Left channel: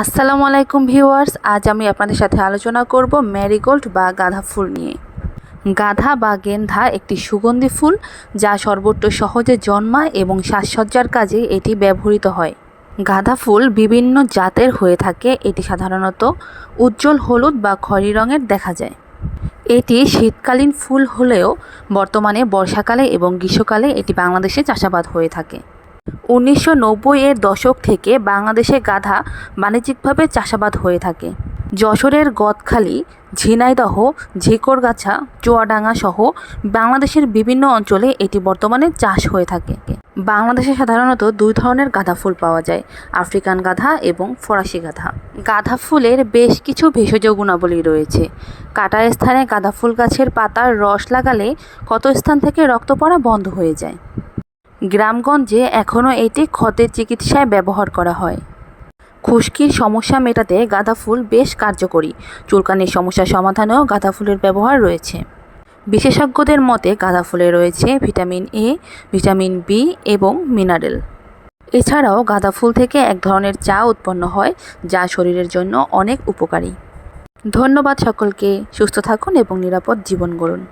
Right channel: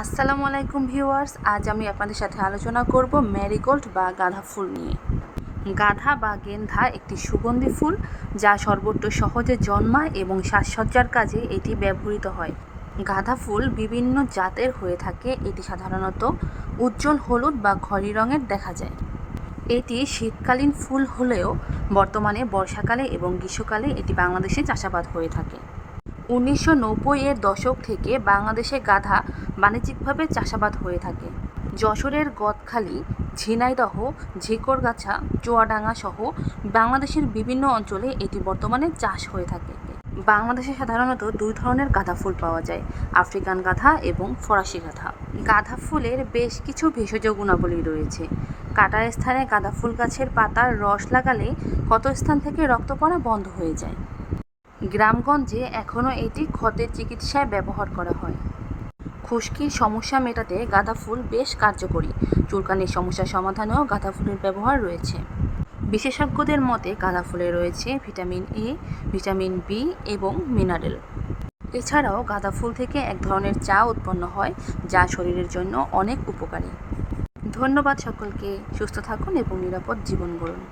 আসসালামু আলাইকুম ভিউয়ার্স, আজ আমি আপনাদের সাথে আলোচনা করব ম্যারিগোল্ড বা গাঁদা ফুল নিয়ে। গাঁদা বা গেন্ধা একটি সুগন্ধি ফুল যা সর্বত্র সহজে জন্মায় এবং সাজসজ্জার কাজে এটি ব্যবহৃত হয়। গাঁদা ফুল বিভিন্ন জাতের হয়ে থাকে। এটি সাধারণত উজ্জ্বল হলুদ বা খয়েরি রঙের দেখা যায়। এটি শীতকালীন ফুল হলেও বর্তমানে বর্ষাকালে এবং গ্রীষ্মকালে এটি বাংলাদেশে চাষাবাদ হয়ে থাকে। 1990-এর দশক থেকে বাংলাদেশে গাঁদা বাণিজ্যিকভাবে চাষাবাদ হয়ে থাকে। যশোরের গদখালি, ঝিনাইদহ, ঝিকরগাছা, চুয়াডাঙ্গা সহ বাংলাদেশের বিভিন্ন অঞ্চলে এটি বর্তমানে চাষ হয়ে থাকে। বাংলাদেশে সাধারণত দুই ধরনের গাঁদা ফুল পাওয়া যায়, আফ্রিকান গাঁদা এবং ফরাসি গাঁদা। গাঁদা ফুলের বেশ কিছু ভেষজ গুণাবলী রয়েছে। কাটা স্থানে গাঁদা ফুল গাছের পাতার রস লাগালে ক্ষত স্থান থেকে রক্ত পড়া বন্ধ হয়ে যায়। গ্রামগঞ্জে এখনও এটি ক্ষতের চিকিৎসায় ব্যবহার করা হয়। খুশকির সমস্যা মেটাতে গাঁদা ফুল বেশ কার্যকরী। চুলকানির সমস্যা সমাধানেও গাঁদা ফুলের ব্যবহার রয়েছে। বিশেষজ্ঞদের মতে গাঁদা ফুলে রয়েছে ভিটামিন এ, ভিটামিন বি এবং মিনারেল। এছাড়াও গাঁদা ফুল থেকে এক ধরনের চা উৎপন্ন হয় যা শরীরের জন্য অনেক উপকারী। ধন্যবাদ সকলকে। সুস্থ থাকুন এবং নিরাপদ জীবন গড়ুন।